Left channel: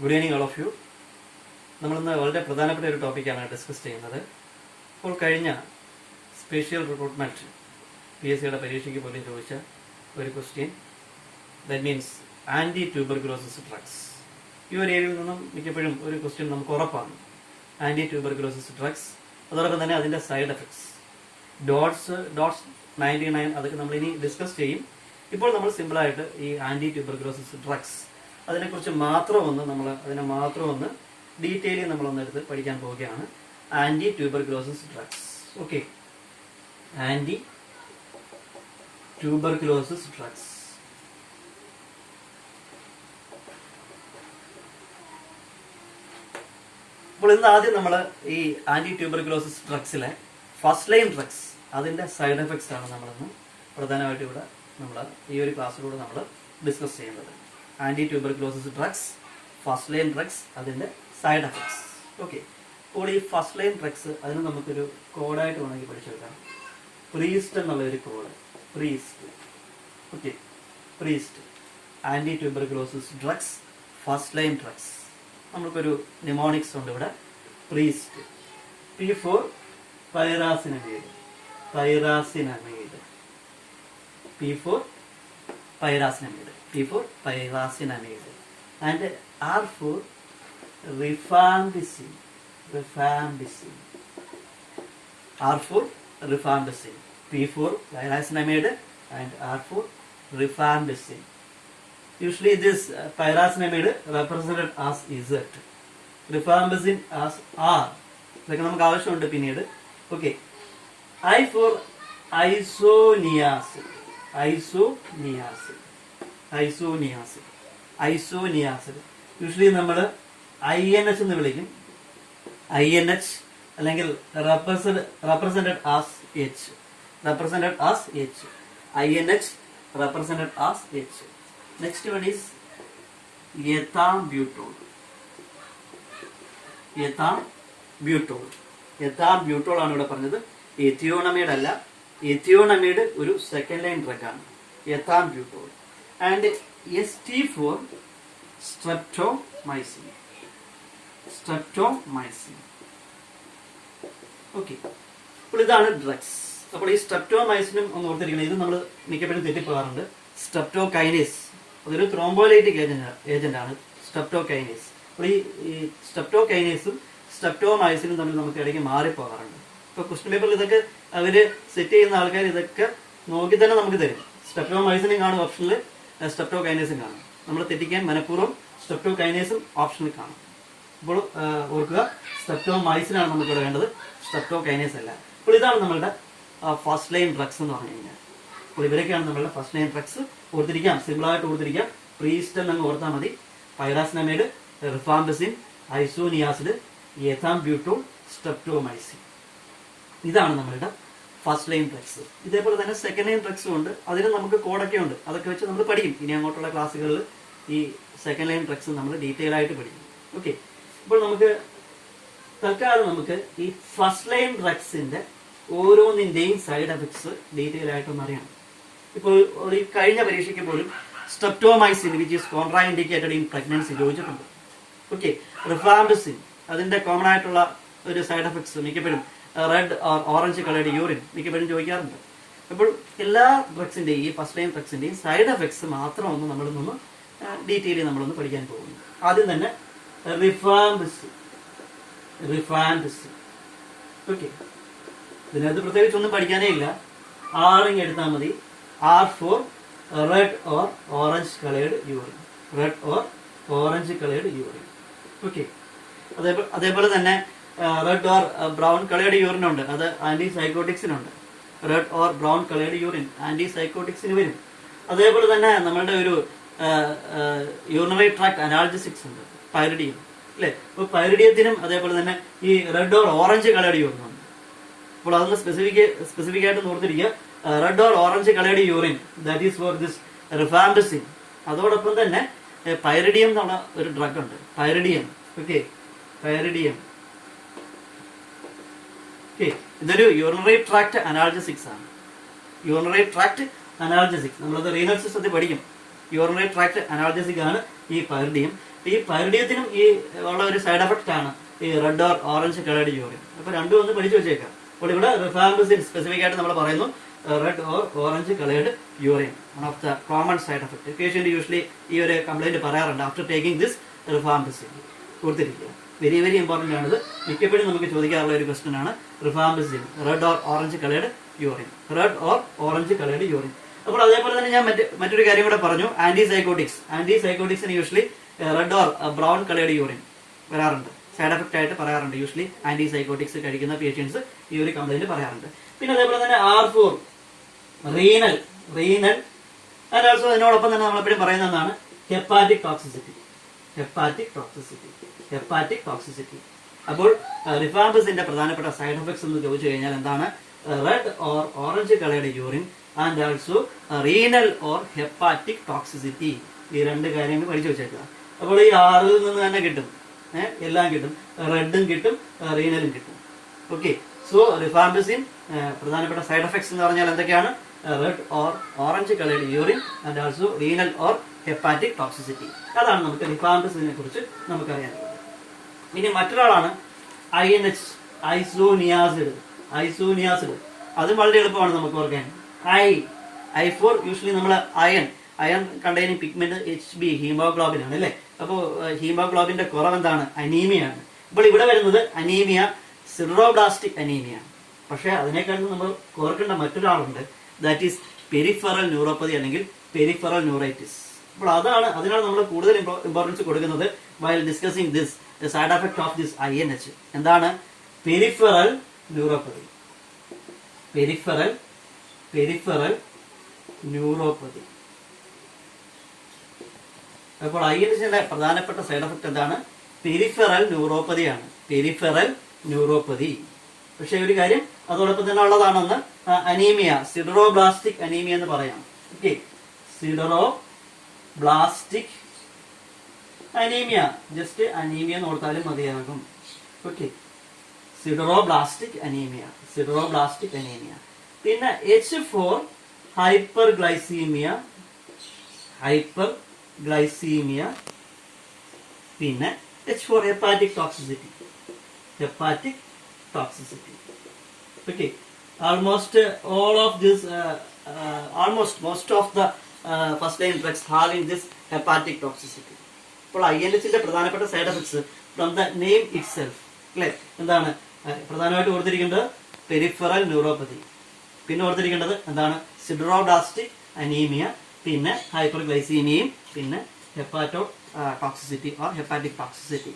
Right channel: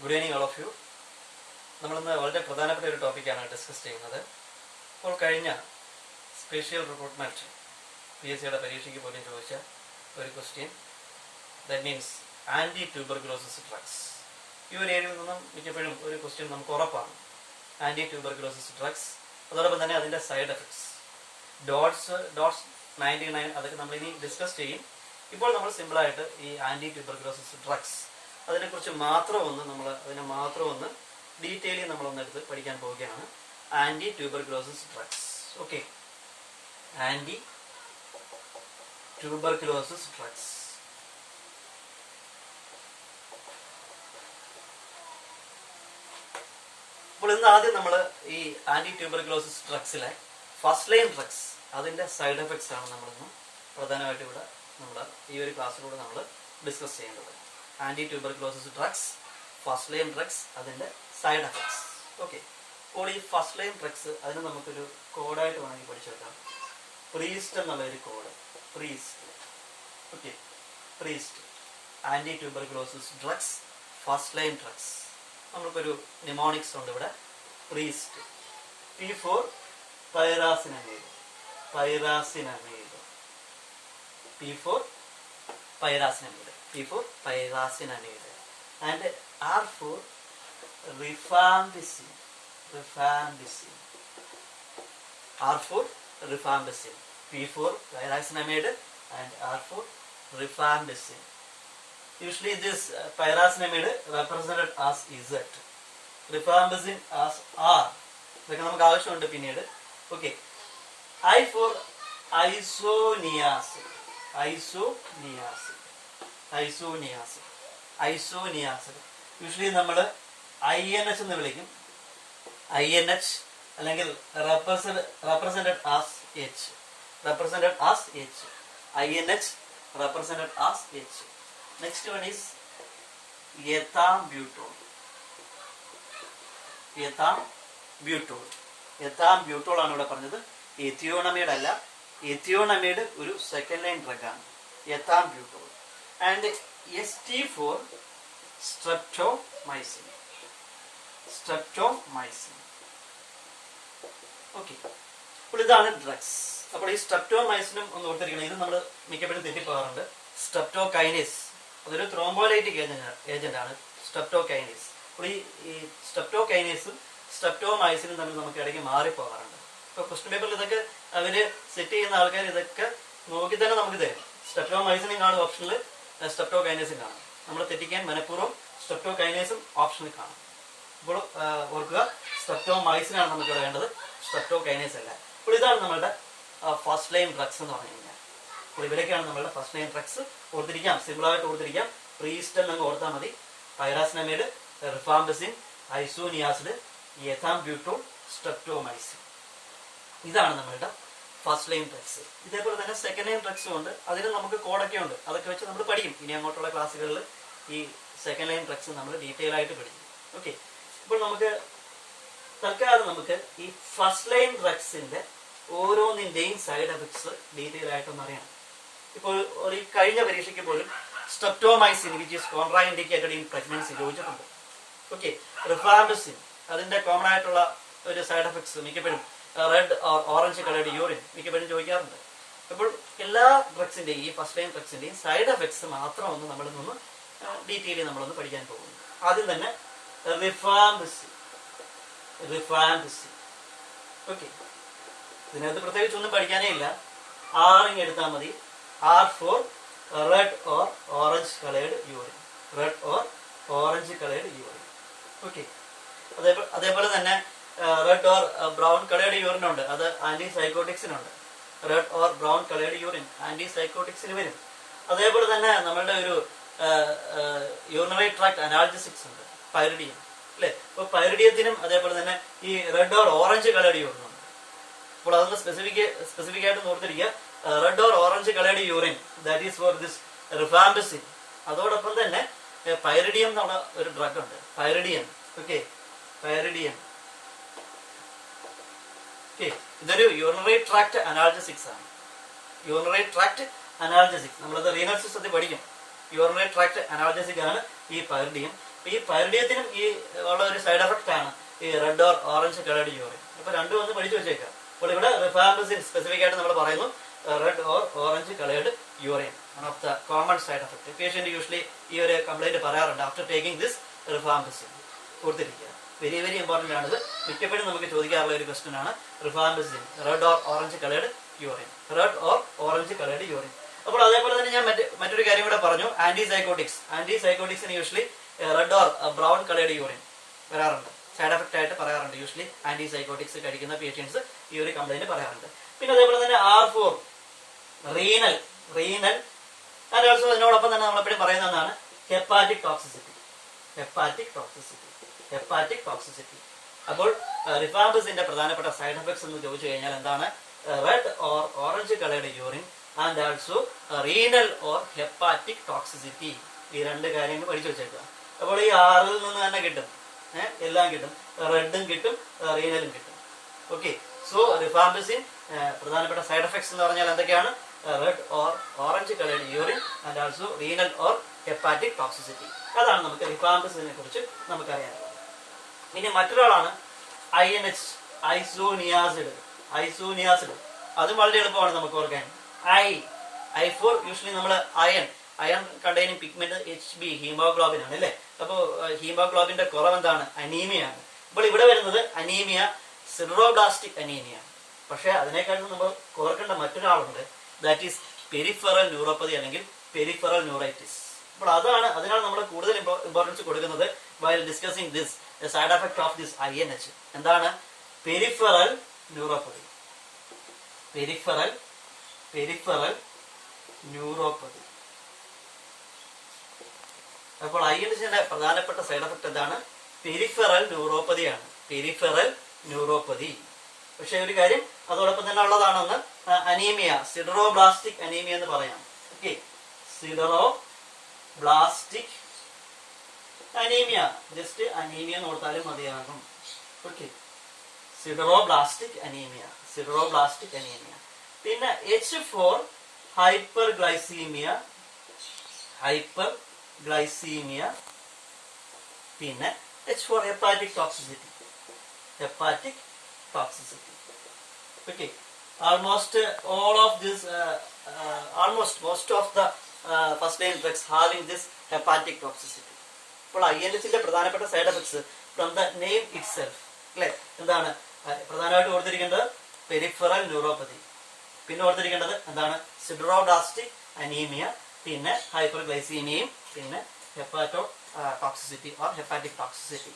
Good evening all of you. നമ്മളിന്ന് വളരെ പ്രധാനപ്പെട്ട ഒരു ടോപ്പിക്കാണ് ഡിസ്കസ് ചെയ്യുന്നത്. ഇപ്പോൾ കഴിഞ്ഞ സ്പെഷ്യൽ റിക്രൂട്ട്മെന്റ് PSC പരീക്ഷയ്ക്ക് പോലും ചോദിച്ച ഒരു question, that means anti tuberculosis drugs. ഈ ഒരു ഏരിയയിൽ നിന്നും മിക്കപ്പോഴും ഒരു ക്വസ്റ്റ്യൻ നമുക്ക് ഉറപ്പാണ്, ആന്റി ട്യൂബർകുലോസിസ് ഡ്രഗ്സ്. അതോടൊപ്പം തന്നെ അതിന്റെ സൈഡ് എഫക്ട്സ്, ഡോട്ട്സ് 99, അതൊക്കെ നമ്മൾ ഇനി ഡിസ്കസ് ചെയ്യും. ഇപ്പോൾ നമ്മൾ സിമ്പിളായിട്ട് ഈ ആന്റി ട്യൂബർകുലോസിസ് ഡ്രഗ്സ് അതിനെക്കുറിച്ച് മാത്രം ഒന്ന് ഡീറ്റെയിലി നമ്മളൊന്ന് എടുത്ത് പഠിക്കാൻ പോവുകയാണ്. Anti tuberculosis drugs. Okay, anti tuberculosis drugs. അപ്പോൾ ഇന്ന് ആദ്യം നമ്മൾ ഈ ആന്റി ട്യൂബർകുലോസിസ് ഡ്രഗ്സിലെ ഫസ്റ്റ് ലൈൻ ഡ്രഗ്സ്, അതിന്റെ സൈഡ് എഫക്ട്സ് ആണ് നമ്മളിന്ന് പ്രധാനമായിട്ട് ഇവിടെ ഈ ഒരു ക്ലാസ്സിലൂടെ നമ്മൾ ഡിസ്കസ് ചെയ്യുന്നത്. Anti tuberculosis drugs, first line drugs, അതിന്റെ സൈഡ് എഫക്ട്സ്. ഓക്കെ, അപ്പോൾ ഈ ഫസ്റ്റ് ലൈൻ ഡ്രഗ്സ് അതിന് നമുക്കൊരു കോഡായിട്ട് വേണമെങ്കിൽ പഠിച്ചെടുക്കാം. പ്രീസ്റ്റ് എന്നുള്ള ഒരു code, priest. Okay, priest anti tuberculosis drugs, first line drugs. നമുക്കൊരു നിമോണിക്സ് ഉണ്ട് ഇവിടെ. Priest, P for pyrazinamide, pyrazinamide, P for pyrazinamide, P for pyrazinamide, and R for rifampicin, rifampicin, R for rifampicin, P for pyrazinamide and R for rifampicin. Usually this pyrazinamide represented as Z, rifampicin as R. ഇതൊക്കെ നമുക്ക് ആവശ്യമുണ്ട് പിന്നീട്. Okay, I for isoniazid, isoniazid, isoniazid, isoniazid. Usually നമ്മൾ INH എന്ന് വിളിക്കും. INH അല്ലെങ്കിൽ represented as H, represented as H, INH represented as H. Next one is ethambutol, ethambutol, ethambutol ആണ് ഇവിടെ പറഞ്ഞത്. എത്തിയോണമൈഡ് അല്ല, എത്തിയോണമൈഡ് ഒരു സെക്കൻഡ് ലൈൻ ഡ്രഗ് ആണ്, ethambutol. And ST for streptomycin, streptomycin. Okay, അപ്പോൾ ഇതാണ് ഡ്രഗ്സ്. അപ്പോൾ ഈ സ്ട്രെപ്റ്റോമൈസിനും ഒന്ന് ഓർത്തിരിക്കണം, ഇത് നമ്മൾ മിക്കപ്പോഴും തെറ്റിപ്പോകാറുണ്ട്. സ്ട്രെപ്റ്റോകൈനേസ്, അതൊരു ത്രോംബോലൈറ്റിക് ഏജന്റ് ആണ്, സ്ട്രെപ്റ്റോകൈനേസ്. അപ്പോൾ ഈ സ്ട്രെപ്റ്റോകൈനേസും സ്ട്രെപ്റ്റോമൈസിനും തമ്മിൽ നമുക്ക് ഇടയ്ക്ക് മാറിപ്പോകാറുണ്ട്. ഇപ്പൊ ക്വസ്റ്റ്യൻ പേപ്പറിൽ ഇതൊക്കെ അവര് സെറ്റ് ചെയ്യുന്ന ആൾക്കാർ ഇതൊക്കെ നോക്കി തന്നെ നമുക്ക് തരും. സ്ട്രെപ്റ്റോമൈസിനും കാണും ഓപ്ഷനിൽ, സ്ട്രെപ്റ്റോകൈനേസും കാണും. നമ്മൾ തെറ്റിക്കാൻ മനഃപൂർവ്വം സ്ട്രെപ്റ്റോകൈനേസും ഓപ്ഷനിൽ കാണും. അപ്പോൾ ഓർക്കുക, സ്ട്രെപ്റ്റോമൈസിനാണ് നമുക്ക് ഇവിടെ വേണ്ടത്, സ്ട്രെപ്റ്റോകൈനേസ് അല്ല. അപ്പോൾ ഇതാണ് നമ്മളുടെ ഫസ്റ്റ് ലൈൻ ഡ്രഗ്സ് എന്ന് പറഞ്ഞു കഴിഞ്ഞാൽ. അപ്പോൾ ഇവരൊക്കെയാണ് നമ്മളുടെ ഫസ്റ്റ് ലൈൻ ഡ്രഗ്സ്. ഓർത്തിരിക്കാം, സിമ്പിളായിട്ട് ഓർത്തിരിക്കാം. പ്രീസ്റ്റ് എന്നങ്ങ് ഓർത്താൽ മതി. പൈറാസിനമൈഡ്, റിഫാംപിസിൻ, ഐസോനിയാസിഡ്, എഥാംബ്യൂട്ടോൾ, സ്ട്രെപ്റ്റോമൈസിൻ. ഇതാണ് നമ്മളുടെ ഫസ്റ്റ് ലൈൻ ഡ്രഗ്സ്. ഇതേപോലെ തന്നെ സെക്കൻഡ് ലൈൻ ഡ്രഗ്സും ഉണ്ട്. അതിന് നമുക്ക് കോഡൊക്കെ ഉണ്ട്, അതൊക്കെ വെച്ച് നമ്മൾ പഠിക്കും. ഇനി അങ്ങോട്ടുള്ള ക്ലാസ്സുകളിൽ ഈ സെക്കൻഡ് ലൈൻ ഡ്രഗ്സ് നമ്മൾ ഡീറ്റെയിൽ ആയിട്ട് പഠിക്കും. ഓക്കെ, ഇപ്പോൾ നമുക്ക് തൽക്കാലം നമുക്ക് ഈ ഫസ്റ്റ് ലൈൻ ഡ്രഗ്സിന്റെ ഓരോന്നിന്റെയും സൈഡ് എഫക്ട്സ് ഡീറ്റെയിൽ ആയിട്ടൊന്ന് അറിയണം. ഇപ്പോൾ ഈ കഴിഞ്ഞ പരീക്ഷയ്ക്ക് പോലും streptomycin which is contra indicated in pregnancy ചോദിച്ചിട്ടുണ്ട്. ഓക്കെ, റിഫാംപിസിൻ അതിന്റെ കോമൺ ആയിട്ടുള്ള ഒരു സൈഡ് എഫക്ട്സ് മിക്കപ്പോഴും റെഡ് ഓറഞ്ച് കളേർഡ് യൂറിൻ മിക്കപ്പോഴും ചോദിക്കാറുണ്ട്. അപ്പോൾ എല്ലാ ഡ്രഗ്സിന്റെയും ഈ ഫസ്റ്റ് ലൈൻ ഡ്രഗ്സിന്റെയും സൈഡ് എഫക്ട്സ് മാത്രം ഒന്ന് നമ്മളൊന്ന് ഡീറ്റെയിൽ നമ്മളൊന്ന് പഠിക്കാൻ പോകുന്നു. ആദ്യം തന്നെ റിഫാംപിസിൻ, റിഫാംപിസിൻ. ഓക്കെ, ഇതിനകത്ത് പ്രത്യേകിച്ച് ഒന്നും പഠിക്കാനേ ഇല്ല. ആറിങ് എടുത്താൽ മതി. R for red or orange colored urine, red or orange colored urine. Okay, അതേപോലെ തന്നെ red or brown coloured urine ഉണ്ട്, അത് ആന്റി സൈക്കോട്ടിക്സിനുണ്ട്. Red or brown coloured urine anti സൈക്കോട്ടിക്സിന് വരും. അതേപോലെ തന്നെ നമ്മളുടെ ഒരു യൂറിനറി ട്രാക്ട് അനാൾജസിക്സ് ഉണ്ട്, പൈറിഡിയം അല്ലെ. അപ്പൊ പൈറിഡിയത്തിനും അതേപോലെ തന്നെ ഈ red or orange coloured urine ഉണ്ട്. അപ്പോൾ അതൊന്ന് സ്പെസിഫിക് ആയിട്ട് ഓർത്തിരിക്കുക. Red or orange coloured urine, that is for this rifampicin. അതോടൊപ്പം തന്നെ പൈറിഡിയം എന്നുള്ള ഒരു ഡ്രഗ് ഉണ്ട്, പൈറിഡിയം. ഓക്കെ, പൈറിഡിയം. ഓക്കെ, ഇതൊരു യൂറിനറി ട്രാക്ട് അനാൾജസിക്സ് ആണ്. യൂറിനറി ട്രാക്ട് അനാൾജസിക്സ് നമ്മളത് റീനൽ സിസ്റ്റത്തിൽ പഠിക്കും. യൂറിനറി ട്രാക്ട് അനാൾജസിക് ആണ് ഈ പൈറിഡിയം. ഈ പൈറിഡിയത്തിനും ഈ ഉള്ള ഒരു സൈഡ് എഫക്ട് ആണ് ഈ red or orange coloured urine. അപ്പൊ രണ്ടും ഒന്ന് പഠിച്ചു വെച്ചേക്കാം. അപ്പോൾ ഇവിടെ റിഫാംപിസിൻ സ്പെസിഫിക് ആയിട്ട് നമ്മൾ പറയുന്നു red or orange coloured urine one of the common side effect. Patient usually ഈ ഒരു കംപ്ലൈന്റ് പറയാറുണ്ട് ആഫ്റ്റർ ടേക്കിംഗ് ദിസ് റിഫാംപിസിൻ. കൊടുത്തിരിക്കുക, വെരി വെരി ഇമ്പോർട്ടന്റ് ആണിത്. മിക്കപ്പോഴും നമുക്ക് ചോദിക്കാറുള്ള ഒരു ക്വസ്റ്റൻ ആണ് rifampicin red or orange coloured urine, red or orange coloured urine. അപ്പോൾ അതേപോലെ തന്നെ ഞാൻ മറ്റൊരു കാര്യം കൂടെ പറഞ്ഞു, ആന്റിസൈക്കോട്ടിക്സിന് usually red or brown coloured urine വരാറുണ്ട്, സൈഡ് എഫക്ട് ആയിട്ട് പറയാറുണ്ട്. യൂഷ്വലി ആന്റിസൈക്കോട്ടിക്സ് കഴിക്കുന്ന പേഷ്യൻസ് ഈ ഒരു കംപ്ലൈന്റ് പറയാറുണ്ട്. പിന്നെ അതേപോലെ തന്നെ R4 റീനൽ ആൻഡ് ഓൾസോ ഇതിനോടൊപ്പം തന്നെ നമ്മളെപ്പോഴും പറയുന്നതാണ് ഹെപ്പാറ്റിക് ടോക്സിസിറ്റി. അപ്പോൾ റിഫാംപിസിന്റെ പ്രധാനപ്പെട്ട സൈഡ് എഫക്ട്സ് എന്ന് ചോദിച്ചു കഴിഞ്ഞാൽ എന്താണ്? Red or orange coloured urine and also renal or hepatic toxicity. ഈ രണ്ട് കാര്യങ്ങൾ പഠിച്ചു വെച്ചേക്കുക. അപ്പോൾ ഈ 6 നിന്ന് തന്നെ കിട്ടും, എല്ലാം കിട്ടും, റെഡും കിട്ടും, റീനലും കിട്ടും. ഓക്കെ, സോ റിഫാംപിസിൻ പ്രധാനപ്പെട്ട സൈഡ് എഫക്ട്സ് എന്ന് പറഞ്ഞാൽ എന്തൊക്കെയാണ്? Red or orange coloured urine and also renal or hepatic toxicity. അതാണ് നമുക്ക് റിഫാംപിസിനെ കുറിച്ച് നമുക്കറിയാനുള്ളത്. ഇനി മറ്റൊരാളാണ് INH, ഐസോനിയാസിഡ്. അതും വളരെ എളുപ്പമാണ് നമുക്ക് ഓർക്കാൻ. I4 യൂഷ്വലി നമ്മൾ iron containing pigment HB haemoglobin ആണ് അല്ലെ. അപ്പോ ഹീമോഗ്ലോബിന്റെ കുറവ് എന്താണ്? അനീമിയാണ്. അപ്പോൾ ഇവിടെ വരുന്നത് അനീമിയ, സിഡറോബ്ലാസ്റ്റിക് അനീമിയ. പക്ഷെ അതിനേക്കാളും നമ്മൾ ഓർക്കേണ്ട മറ്റൊരാളുണ്ട്, ദാറ്റ് ഈസ് പെരിഫറൽ ന്യൂറോപ്പതി അല്ലെങ്കിൽ പെരിഫറൽ ന്യൂറൈറ്റിസ്. അപ്പോൾ അതിനാണ് നമ്മൾ കൂടുതൽ ഇമ്പോർട്ടൻസ് കൊടുക്കുന്നത് while discussing this side effect of this INH. എന്താണ്? Peripheral neuropathy. അപ്പോൾ INHന്റെ പ്രധാനപ്പെട്ട സൈഡ് എഫക്ട് എന്താണ്? Peripheral neuropathy. പക്ഷെ ഒരു കാര്യം അതോടൊപ്പം തന്നെ ഉള്ളതാണെന്ന് അനീമിയ, സിഡറോബ്ലാസ്റ്റിക് അനീമിയ എന്ന് പറയാം. Okay, sideroblastic anaemia, just anaemia എന്ന് ഓർത്താലും മതിയാകും. Okay, sideroblastic anaemia. പിന്നെ H4 ഹൈപ്പർഗ്ലൈസീമിയ, പിന്നെ H4 hepatic toxicity. Okay, most of the first line drugs having this hepatic toxicity. അപ്പോൾ INHന്റെ പ്രധാനപ്പെട്ട side effects from the name it self അല്ലെ. എന്താണ് പ്രധാനമായിട്ട് ഓർത്തിരിക്കേണ്ടത്? Peripheral neuropathy. പിന്നെ ഓർത്തിരിക്കേണ്ടത് എന്താണ്? സിഡറോബ്ലാസ്റ്റിക് അനീമിയ, പിന്നെ ഹൈപ്പർഗ്ലൈസീമിയയും, പിന്നെ hepato toxicity or hepatic toxicity.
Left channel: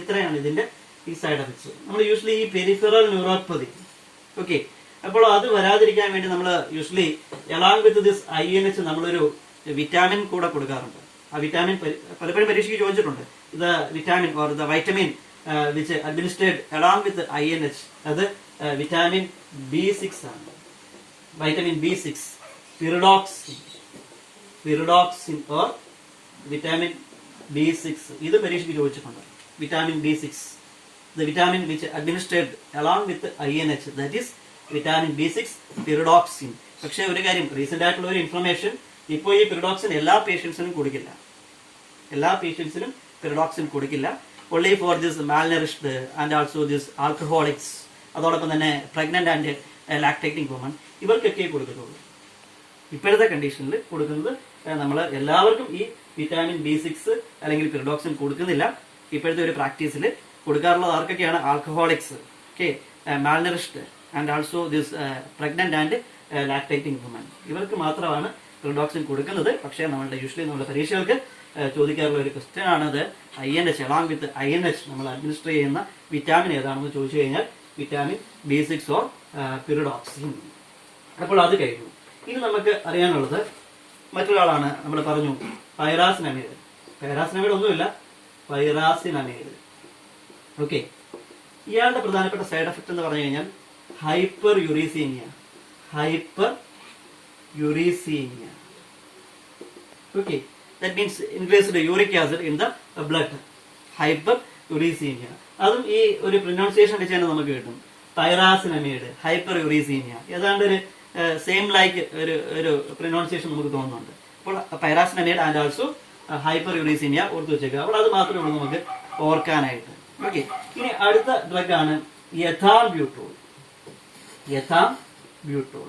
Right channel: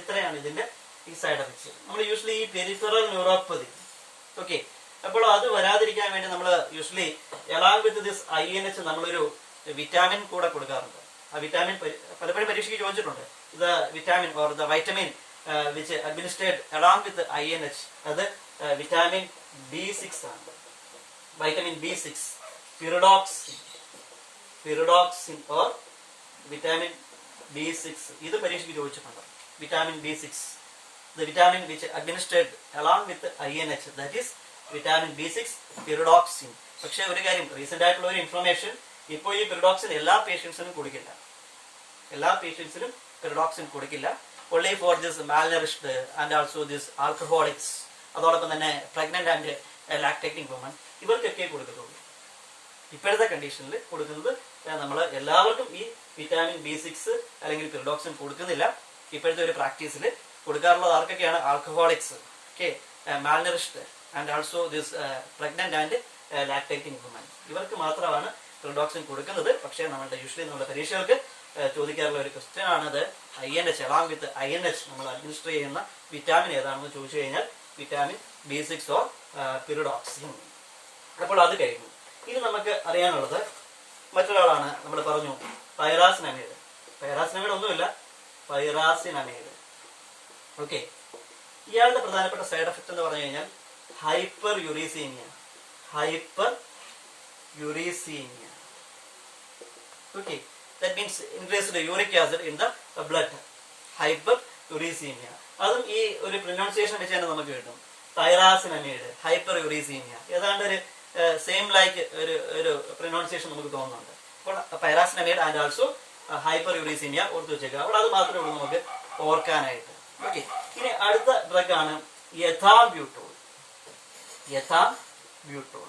ഇത്രയാണ് ഇതിന്റെ ഈ സൈഡ് എഫക്ട്സ്. നമ്മൾ യൂഷ്വലി ഈ പെരിഫറൽ ന്യൂറോപ്പതി, ഓക്കെ, അപ്പോൾ അത് വരാതിരിക്കാൻ വേണ്ടി നമ്മൾ usually along with this INH നമ്മളൊരു വിറ്റാമിൻ കൂടെ കൊടുക്കാറുണ്ട്. ആ വിറ്റാമിൻ പലപ്പോഴും പരീക്ഷയ്ക്ക് ചോദിച്ചിട്ടുണ്ട്. The vitamin or the vitamin which administrate along with INH, അത് വിറ്റാമിൻ B6 ആണ്. Vitamin B6, pyridoxine or vitamin B6, ഇത് പരീക്ഷയ്ക്ക് ചോദിച്ചിട്ടുണ്ട്. Vitamin B6, the vitamin which administered along with INH, that is vitamin B6 pyridoxine. പക്ഷെ ഒരു കാര്യം, recent ആയിട്ടുള്ള ഒരു ഇൻഫർമേഷൻ, ഇപ്പോൾ ഈ പിറിഡോക്സിൻ എല്ലാ പേഷ്യൻസിനും കൊടുക്കില്ല. only for this malnourished and also this alcoholics, അതോടൊപ്പം തന്നെ പ്രഗ്നന്റ് ആൻഡ് ലാക്ടേറ്റിംഗ് വുമൺ, ഇവർക്കൊക്കെ കൊടുക്കത്തുള്ളൂ. ഇപ്പോഴത്തെ കണ്ടീഷനിൽ കൊടുക്കുന്നത് നമ്മൾ എല്ലാവർക്കും ഈ വിറ്റാമിൻ B6 അല്ലെങ്കിൽ പിറിഡോക്സിൻ കൊടുക്കുന്നില്ല. ഇപ്പോഴത്തെ ഒരു പ്രാക്ടീസിൽ കൊടുക്കാറുള്ളത് ആർക്കൊക്കെയാണ്? Alcoholics, okay, malnourished and also this pregnant and lactating women, ഇവർക്ക് മാത്രമാണ് പിറിഡോക്സിൻ കൊടുക്കുന്നത്. പക്ഷേ യൂഷ്വലി നമ്മുടെ പരീക്ഷകൾക്ക് ചോദിക്കാറുള്ള ഒരു ക്വസ്റ്റ്യൻ ആണത് INH, അലോങ് വിത്ത് INH നമ്മൾ അഡ്മിനിസ്റ്റർ ചെയ്യുന്ന വിറ്റാമിൻ ഏതാണെന്ന് ചോദിച്ചു കഴിഞ്ഞാൽ വിറ്റാമിൻ B6 ഓർ പിറിഡോക്സിൻ. അപ്പോൾ അത് കഴിഞ്ഞു. ഇനി നമുക്ക് അറിയാനുള്ളത് മറ്റൊരാളാണ്. നമ്മൾ പറഞ്ഞു പൈറാസിനമൈഡ്. ഒന്നുമില്ല, പൈറാസിനമൈഡ്. ഓക്കെ, ഇയാളുടെ പ്രധാനപ്പെട്ട സൈഡ് എഫക്ട് എന്ന് പറഞ്ഞു കഴിഞ്ഞാൽ hyperuricaemia. Okay, that means increased uric acid in the blood. Hyperuricaemia, അതും ഈ ഒരു പ്രൊനൗൺസിയേഷൻ വെച്ച് തന്നെ നമുക്ക് കിട്ടും. പൈറാസിനമൈഡ്, ഹൈപ്പർ യുറീസീമിയ, ഏതാണ്ട് ഒരു സെയിം ലൈക്ക് ഒരു പ്രൊനൗൺസിയേഷൻ നമുക്ക് തോന്നുന്നുണ്ട്. അപ്പോൾ പൈറാസിനമൈഡ് ആൻഡ് ഓൾസോ ഹൈപ്പർ യൂറീസീമിയ ഓർത്ത് വെച്ചേക്കുക. അപ്പോൾ അത് മാത്രമേ ഉള്ളൂ നമുക്ക് ഓർക്കാനായിട്ട്. ഓക്കെ, ഇനി അടുത്ത ഡ്രഗ് ആണ് എഥാംബ്യൂട്ടോൾ. എഥാംബ്യൂട്ടോൾ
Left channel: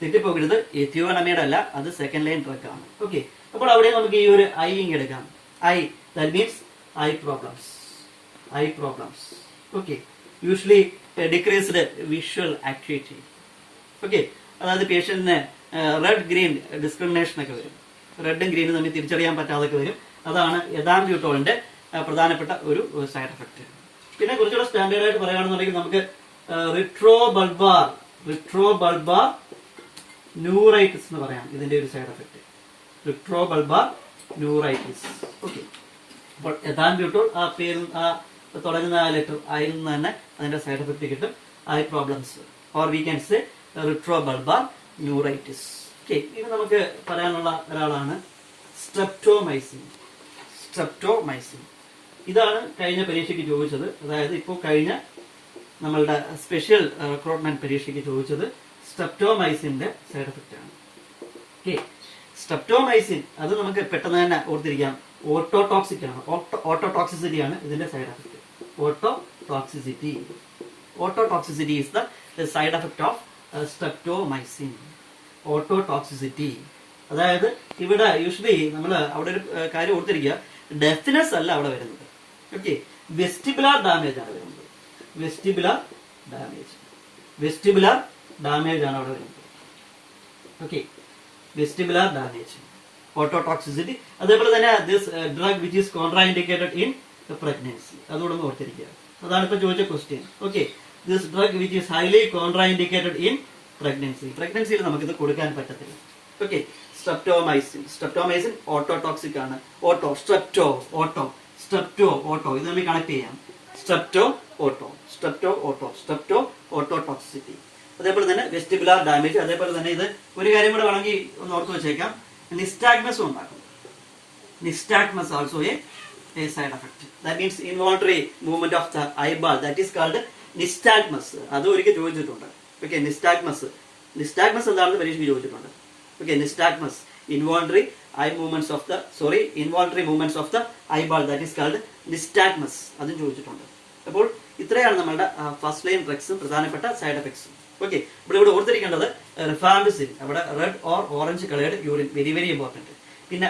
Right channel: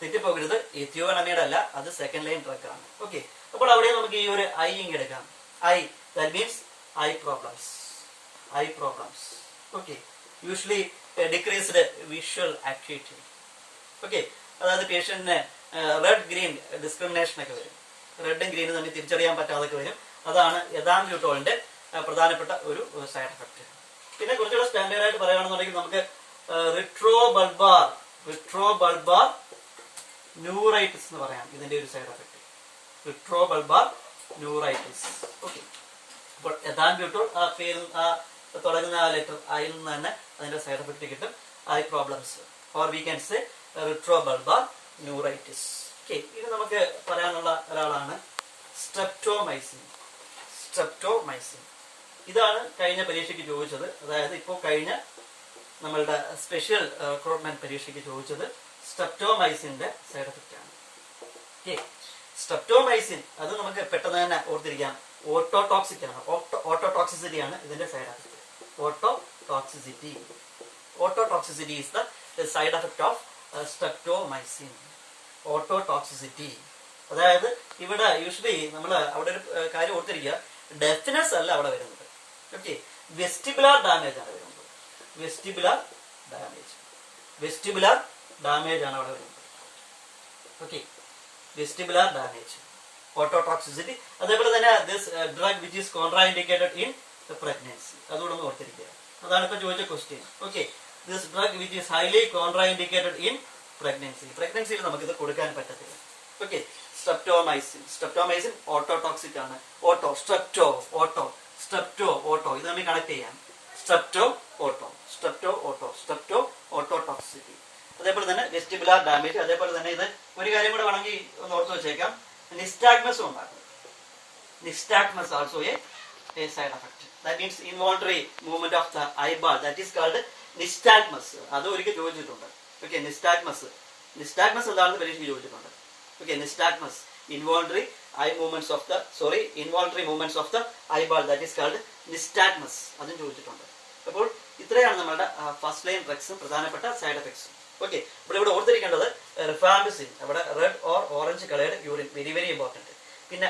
തെറ്റിപ്പോകരുത്, എഥിയോനമൈഡ് അല്ല, അത് സെക്കൻഡ് ലൈൻ ഡ്രഗ് ആണ്. ഓക്കെ, അപ്പോൾ അവിടെ നമുക്ക് ഈ ഒരു ഐ എടുക്കാം. I, that means I problems. Okay, usually decreased visual activity. Okay, അതായത് പേഷ്യന്റിന് റെഡ് ഗ്രീൻ ഡിസ്ക്രിമിനേഷൻ ഒക്കെ വരും. റെഡും ഗ്രീനും തമ്മിൽ തിരിച്ചറിയാൻ പറ്റാതൊക്കെ വരും. അതാണ് എഥാംബ്യൂട്ടോളിന്റെ പ്രധാനപ്പെട്ട ഒരു സൈഡ് എഫക്ട്. പിന്നെ കുറച്ചുകൂടെ സ്റ്റാൻഡേർഡ് ആയിട്ട് പറയുകയാണെന്നുണ്ടെങ്കിൽ നമുക്ക് റിട്രോ ബൾബാർ ന്യൂറൈറ്റിസ് എന്ന് പറയാം ഇതിന്റെ ഒരു side effect. Retro bulbar neuritis. Okay, അപ്പോൾ എഥാംബ്യൂട്ടോൾ ആ പേരിൽ തുടങ്ങുന്ന ആ ലെറ്റർ ഐയിൽ നിന്ന് തന്നെ അതിന്റെ സൈഡ് എഫക്ട് കിട്ടും, I problems, or we can say retro bulbar neuritis. Okay, ഇത് നമുക്ക് പറയാനുള്ള ഒരാളാണ് സ്ട്രെപ്റ്റോമൈസിൻ. ഇതാണ് കഴിഞ്ഞ പരീക്ഷയ്ക്ക് ചോദിച്ചത്. അതായത് ഇപ്പോൾ കഴിഞ്ഞ നമ്മളുടെ സ്പെഷ്യൽ റിക്രൂട്ട്മെന്റ് പരീക്ഷയ്ക്ക് ചോദിച്ചത് സ്ട്രെപ്റ്റോമൈസിന്റെ സൈഡ് എഫക്റ്റ് ആണ്. ഓക്കെ, സ്ട്രെപ്റ്റോമൈസിൻ അത് നമുക്ക് പെട്ടെന്ന് തന്നെ ഓർത്തിരിക്കാം, ഓട്ടോടോക്സിക് ആണ്. ഓട്ടോടോക്സിസിറ്റി ആണ് ഇതിന്റെ side effect. Ototoxicity is the side effect of streptomycin. Ototoxicity, അതായത് ഇവിടെ യൂഷ്വലി നമ്മൾ അവിടെ ഒരു കാര്യം ഓർത്തിരിക്കുക, ഡെഫ്നെസ് അല്ല അവിടെ വരുന്നത്. ഓക്കെ, വെസ്റ്റിബുലാർ ഡാമേജ് ആണ് വരുന്നത്. വെസ്റ്റിബുലാർ ഡാമേജ് ആണ് അവിടെ വരുന്നത്. Okay, vestibular damage, ototoxicity. അതേപോലെ തന്നെ this drug which is contraindicated in pregnancy, അതുകൂടെ ഒന്ന് ഓർത്തിരിക്കുക. അതാണ് ഇപ്പൊ ചോദിച്ച question. Okay, this drug which is highly contraindicated in പ്രഗ്നൻസിയിൽ നമുക്കിത് കൊടുക്കാൻ പറ്റത്തില്ല. ഓക്കെ, സ്ട്രെപ്റ്റോമൈസിൻ ഓട്ടോടോക്സിക് ആണ്. സ്ട്രെപ്റ്റോ ഓട്ടോ ഇത് നമ്മൾ കണക്ട് ചെയ്യാം. Strepto ototoxicity. അതേപോലെ തന്നെ വെസ്റ്റിബുലാർ ഡാമേജ്. അതേപോലെ തന്നെ ഇത് ഒരു കാര്യം കൂടെ വേണമെങ്കിൽ ഒന്ന് ഓർത്ത് വെച്ചേക്കാം, നിസ്റ്റാഗ്മസ് ഉണ്ടാക്കും. Nystagmus also a side effect. That means involuntary movement of the eyeball, that is called nystagmus. അത് ഒരിക്കൽ ചോദിച്ചിട്ടുണ്ട്. ഓക്കെ, നിസ്റ്റാഗ്മസ് എന്താണെന്ന് പരീക്ഷയ്ക്ക് ചോദിച്ചിട്ടുണ്ട്. Okay, nystagmus involuntary movements of the eyeball, that is called nystagmus, അതും ചോദിച്ചിട്ടുണ്ട്. അപ്പോൾ ഇത്രയാണ് നമ്മളുടെ ഫസ്റ്റ് ലൈൻ ഡ്രഗ്സും പ്രധാനപ്പെട്ട സൈഡ് എഫക്ട്സും. ഓക്കെ, അപ്പോൾ ഇവിടെ ഓർത്തിരിക്കേണ്ടത് റിഫാംപിസിൻ, അവിടെ red or orange coloured urine, very very important. പിന്നെ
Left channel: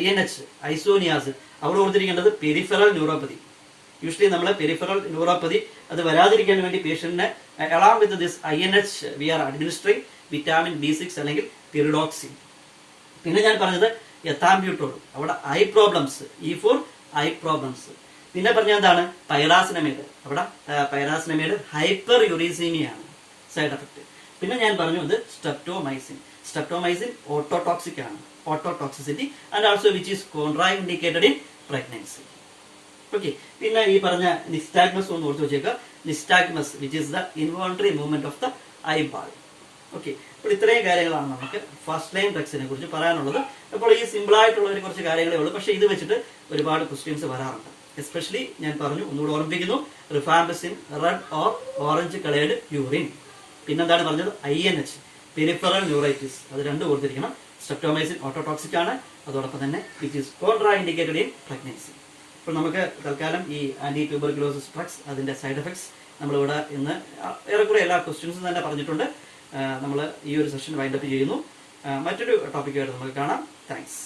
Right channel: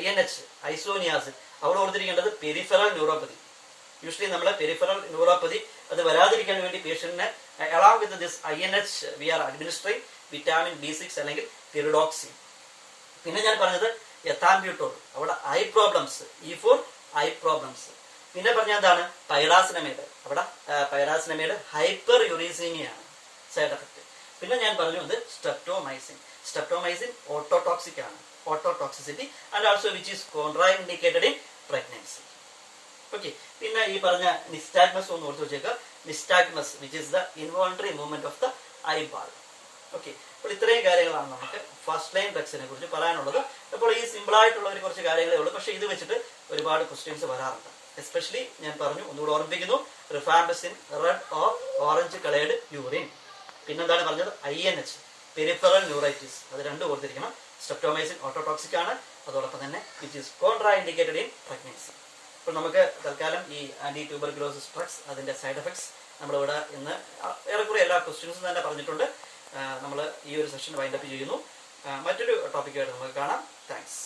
INH ഐസോനിയാസിൻ, അവിടെ ഓർത്തിരിക്കേണ്ടത് പെരിഫറൽ ന്യൂറോപ്പതി. യൂഷ്വലി നമ്മളെ പെരിഫറൽ ന്യൂറോപ്പതി അത് വരാതിരിക്കാൻ വേണ്ടി പേഷ്യന്റിനെ along with this INH we are administering vitamin B6 അല്ലെങ്കിൽ പിറിഡോക്സിൻ. പിന്നെ ഞാൻ പറഞ്ഞത് എഥാംബ്യൂട്ടോൾ, അവിടെ I problems, E4 I problems. പിന്നെ പറഞ്ഞ എന്താണ് പൈറാസിനമൈഡ്, അവിടെ പൈറാസിനമൈഡ് ഹൈപ്പർ യൂറീസീമിയാണ് സൈഡ് എഫക്ട്. പിന്നെ ഞാൻ പറഞ്ഞു ഇത് സ്ട്രെപ്റ്റോമൈസിൻ ഓട്ടോടോക്സിക് ആണ്, ototoxicity and also which is contraindicated in pregnancy. Okay, പിന്നെ ഈ പറഞ്ഞ നിസ്റ്റാഗ്മസ് ഒന്ന് ഓർത്ത് വെച്ചേക്കുക. Nystagmus which is the involuntary movement of the eyeball. Okay, അപ്പോൾ ഇത്രയും കാര്യങ്ങളാണ് നമുക്ക് ഫസ്റ്റ് ലൈൻ ഡ്രഗ്സിനെ കുറിച്ച് പറയാനുള്ളത്. അപ്പോൾ ഈ സിമ്പിൾ ആയിട്ടുള്ള ഒരു കുറച്ച് കാര്യങ്ങളേ ഉള്ളൂ, പക്ഷേ ഇത് വെച്ചിട്ട് ഒരുപാട് ക്വസ്റ്റ്യൻസ് വരാറുണ്ട്. എസ്പെഷ്യലി ഞാൻ പറഞ്ഞു, ഒന്നുകൂടെ ഓർമ്മിപ്പിക്കുന്നു, rifampicin red or orange coloured urine. പിന്നെന്താണ് പറഞ്ഞത് INH പെരിഫറൽ ന്യൂറൈറ്റിസ്, അത് രണ്ടും ഓർത്തിരിക്കണം. സ്ട്രെപ്റ്റോമൈസിൻ ഓട്ടോടോക്സിക് ആണ്, അതോടൊപ്പം തന്നെ which is contraindicated in pregnancy. അപ്പോൾ നമുക്ക് തൽക്കാലം ഈ ആന്റി ട്യൂബർക്യുലോസിസ് ഡ്രഗ്സ് അതിന്റെ സൈഡ് എഫക്ട്സ് നമ്മളിവിടെ ഇന്ന് ഏറെക്കുറെ എല്ലാ ക്വസ്റ്റ്യൻസും തന്നെ പറഞ്ഞിട്ടുണ്ട്. നമ്മൾ ഈ ഒരു സെഷൻ വൈൻഡപ്പ് ചെയ്യുന്നു. മറ്റൊരു ടോപ്പിക്കായിട്ട് നമുക്ക് കാണാം. താങ്ക്സ്.